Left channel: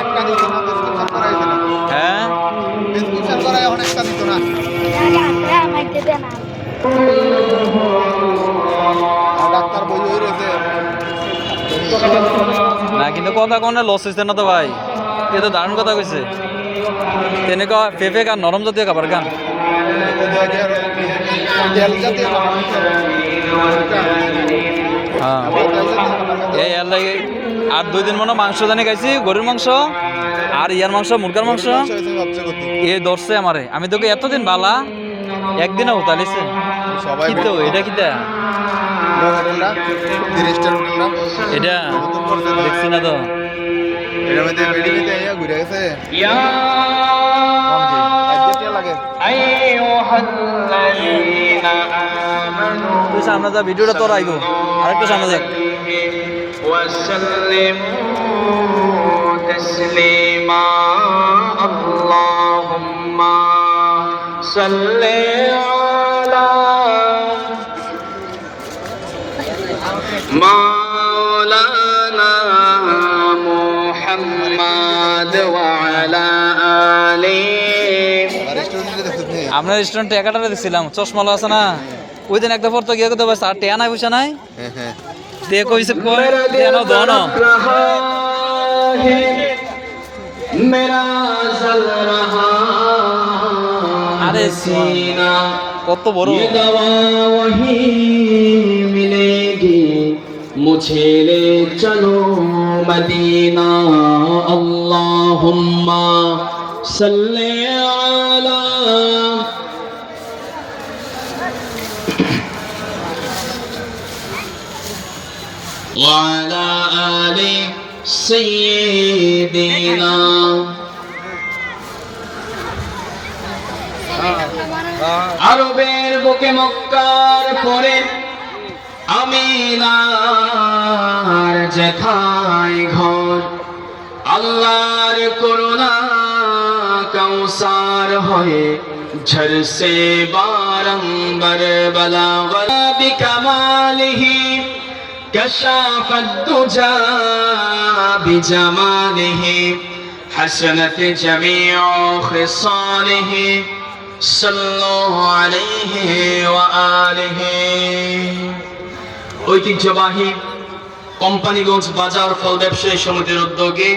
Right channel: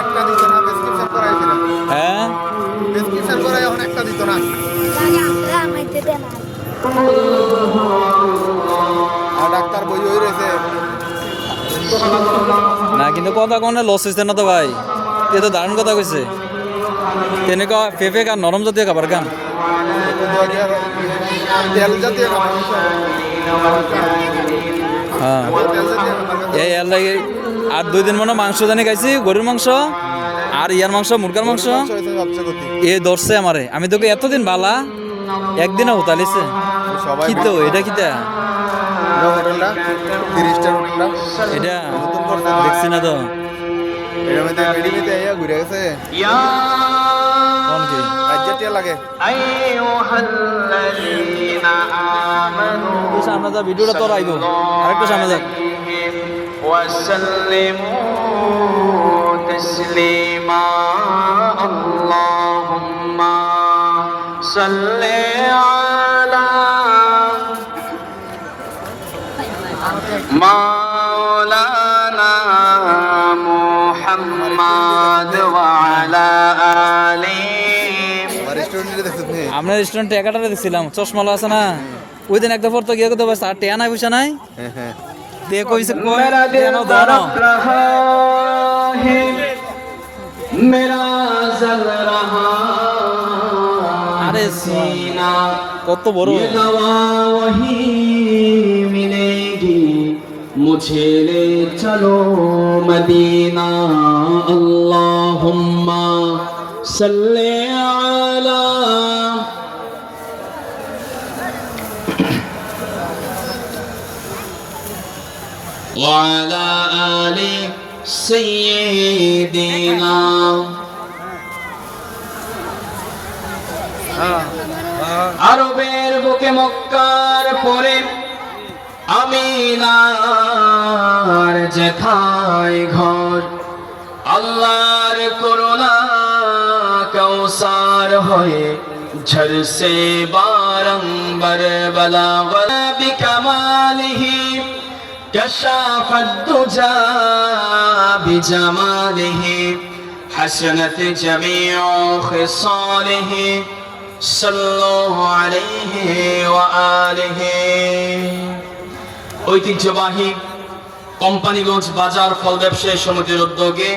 একটা দিত না, প্রেসক্রিপশন করাই দিল। হ্যাঁ প্রেসক্রিপশন করাই এখন একটা দিত না। আর ডাক্তার বই হয়ে রয়েছে। না কিন্তু কথা কোনে লস হয়েছে না তো ভাই, এ তো দারুণ কথা কইছে। তেনেকুৱা পেঁপে আর নরম জাতীয় খাবার খান। তেল জাতীয় খাবার। হ্যাঁ এই আর লাগে আর 2 দিন মনে মাংস জানি খাইছি, গরুর মাংস আর ইয়ার মাংস, মুরগার মাংস। এ ধরছে আমারে, আমি তোকে এতদিন বালা একদিনে উতালিছে। কি তো এটা কিতা এটা দেখছি না তো ঘুরে গেছে কোন কি লাগে। তুই সামনে যা, ভিডিওটা তোর আইগো আরেকটু সামনে যা। اللهم صل على مولانا محمد وعلى آله। আমরা রেস্টুরেন্টে 11টা দিছিলাম, চশমালা আছে না, ওই দিন একটা পর তো গিয়ে কথা বলছে আর টেয়া নাই পয়সা নাই। তে কইছে কই টেয়া নাও দাও না। मेरा जल रहा আরে सीना, কত बड़ो ये दवा वही मिलेगी, मुझे ले चलो मदीना। अल्लाहुम्मा सल्ले अला وعلى آل سيدنا। আরবের বুকে মক্কার পরে আমিনার যেথায় ঘর, আল্লাহর করুণা কৌসার হয়ে ঝরসে বারম্বার বলা বলা বিকামালিহি كشف الدجى بجماله، حسنت جميع خصاله، صلوا عليه وآله। ঐতিহ্যবাহী কোম্পানিগঞ্জ বাজার ফল ব্যবসায়ী সমিতির উদ্যোগে